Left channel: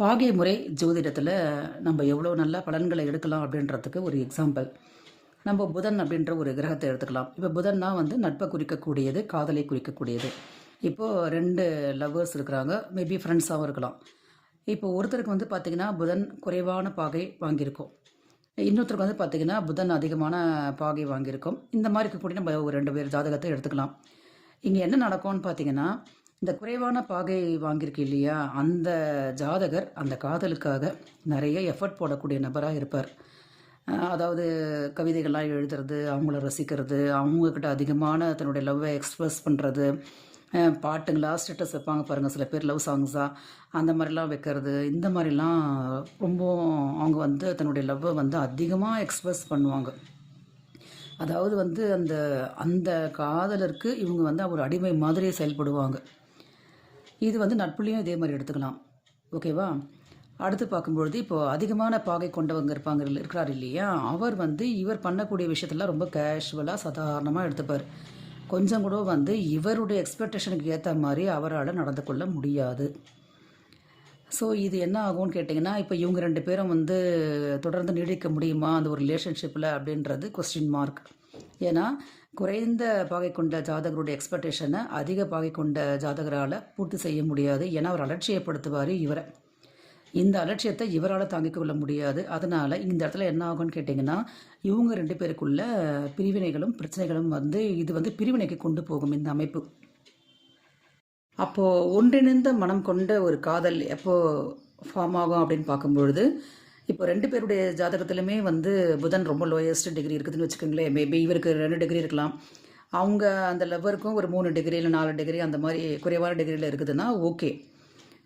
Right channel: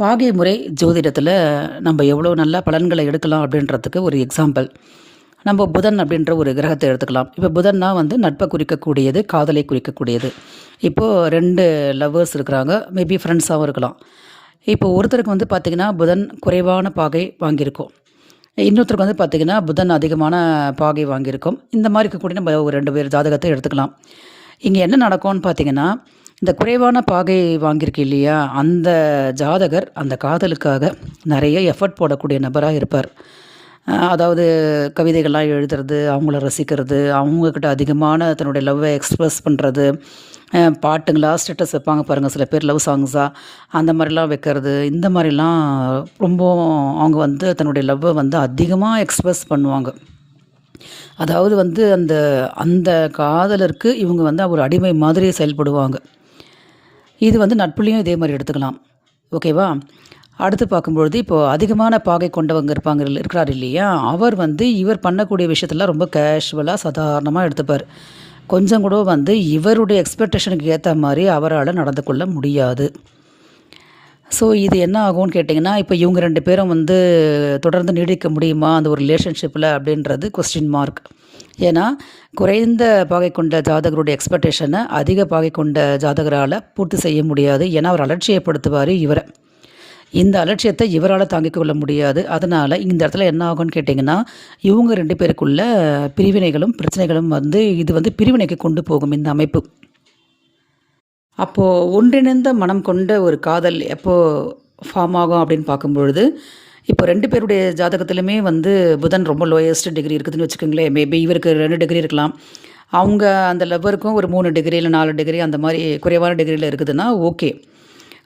பாகை முறை ஜோதிடத்தில் நம்ம எவ்வளோ நல்ல பலன்களை எடுக்கலாம் அப்படின்றதுக்கு ஒரு எக்ஸாம்பிள் நம்ம புதன் அப்படின்ற ஒரு கிரகத்தை எடுத்துக்கலாம். இப்போ புதன்னா வந்து நட்பை குறிக்கக்கூடியது காதலை குறிக்கக்கூடியது. இப்போது ரெண்டு லவ்வர்ஸ் இருக்கிறாங்க மேபி ஃப்ரெண்ட்ஸாகவும் இருக்கலாம். இப்போ ஒருத்தருக்கு வந்து பார்த்திங்கன்னா புதன் குறைவான பாகை வாங்கியிருக்கும். இன்னொருத்தருக்கு வந்து பார்த்திங்கன்னா புதன் அதிகமான பாகை வாங்கியிருக்கும். இந்த மாதிரி இருக்கக்கூடிய நம்ம ஒரு ரெண்டு பேர் ஜாதகத்தை எடுத்துக்கலாம். இங்கே என்ன நடக்கும்னு பார்த்தீங்கன்னா இந்த குறைவான பாகை வாங்கியிருக்கு இல்லையா? அந்த ஜாதகர் அந்த காதலுக்காக நிறைய எஃபர்ட் போடக்கூடிய நபராக இருப்பார். அதாவது கவிதைகள்லாம் எழுதுறது அவங்கள ரசிக்கிறது அவங்கக்கிட்ட அதிகமான தன்னுடைய லவ்வை எக்ஸ்ப்ரெஸ் பண்ணுறது பாட்டுங்களா ஸ்டேட்டஸ் வைப்பாங்க பாருங்கள் சில பேர் லவ் சாங்ஸாக அந்த மாதிரிலாம் வைக்கிறது இந்த மாதிரிலாம் ரொம்ப அவங்க வந்து தன்னுடைய லவ்வை வந்து அதிகமாக எக்ஸ்ப்ரெஸ் பண்ணுவாங்க. அதாவது வந்து அந்த அந்த காதலருக்கு இவங்க வந்து ஒரு அடிமை மாதிரி செயல்படுவாங்க. இது வந்து நட்புலையும் இதே மாதிரி எடுத்துக்கலாம். ஓகேவா அடுத்து பார்க்கும்பொழுது இப்போது அதிகமான பாகை கொண்டவங்க இருப்பாங்க இருக்கிறார் இல்லையா? அவர் வந்து இவர் பண்ணக்கூடிய விஷயத்தெல்லாம் ரொம்ப கேஷுவலாக சாதாரணமாக எடுத்துப்பார். கொஞ்சம் கூட வந்து இவருடைய எக்ஸ்பெக்டேஷனுக்கு ஏற்ற மாதிரி அவரால் நடந்து கொள்ள முடியாது. ஸோ இது என்ன ஆகும்னு கேட்டிங்கன்னா இப்போ இவங்க ரெண்டு பேரும் வந்து தொடர்ந்து நீடிக்க முடியுமா? அந்த ஒரு ரிலேஷன்ஷிப்பில் அப்படின்றது கொஸ்டின் மார்க் ஏன்னா குறைந்த பாகை கொண்ட ஜாதகருடைய எக்ஸ்பெக்டேஷனை அதிக பாகை கொண்ட ஜாதகரால் பூர்த்தி செய்ய முடியாது. ஏன்னா அவர் அலட்சியப்படுத்துவார் இவரை. இந்த அலட்சியத்தை இவரால் தாங்கிக் கொள்ள முடியாது. அதனால் இந்த இடத்துல என்ன ஆகும்னு கேட்டிங்கன்னா இவங்க ரெண்டு பேருக்குள்ள பிரிவினைகளும் பிரச்சனைகளும் வந்து இது வந்து பிரிவினைக்கு கொண்டு போகும் இந்த அமைப்பு. அப்போது ஒன்றிணைந்த மனம் கொண்ட ஒரு காதல் எப்போது ஃபார்ம் ஆகும் அப்படின்னு பார்க்கும்பொழுது இப்போ ரெண்டு பேருடைய ஜாதகத்திலுமே வந்து புதன் ரொம்ப லோயஸ்ட் டிகிரி இருக்குதுன்னு வச்சுக்கோங்களேன் மேபி இவருக்கு ரெண்டு டிகிரி இருக்கலாம். அவங்க அந்த லவ்வருக்கும் ஒரு மூணு டிகிரி இல்லை நாலு டிகிரி அந்த மாதிரி குறைவான டிகிரியில் இருக்குதுன்னா ஓகே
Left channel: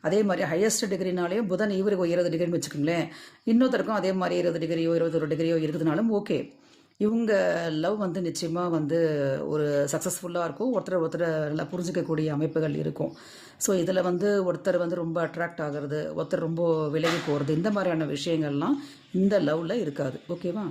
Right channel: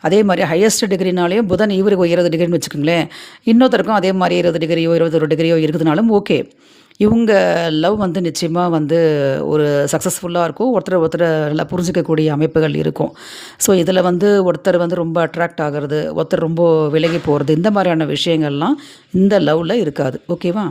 அதே மாதிரி ஹையஸ்ட் டிகிரினாலேயும் புதன் இவருக்கு இருபது டிகிரின்னு வச்சுக்கோங்களேன். இன்னொருத்தருக்கும் அதே மாதிரி இருபது டிகிரியோ இருபத்தொரு டிகிரியோ இருக்குதுனாலும் ஓகே இவங்க லவ் வந்து நிச்சயமாக வந்து ஒரு சக்ஸஸ்ஃபுல்லாக இருக்கும். ஒருத்தர் ஒருத்தர் நல்லா புரிஞ்சிக்கக்கூடிய அமைப்புகள் இருக்கும். ஸோ இதில் வந்து ஒருத்தர் வந்து ரொம்ப அட்ராக்ட் ஆகிறது ஒருத்தர் ரொம்ப விலகி போகிறது இந்த மாதிரியான விஷயங்கள்லாம் இந்த லவ்வில் இருக்காது. ஓகேவா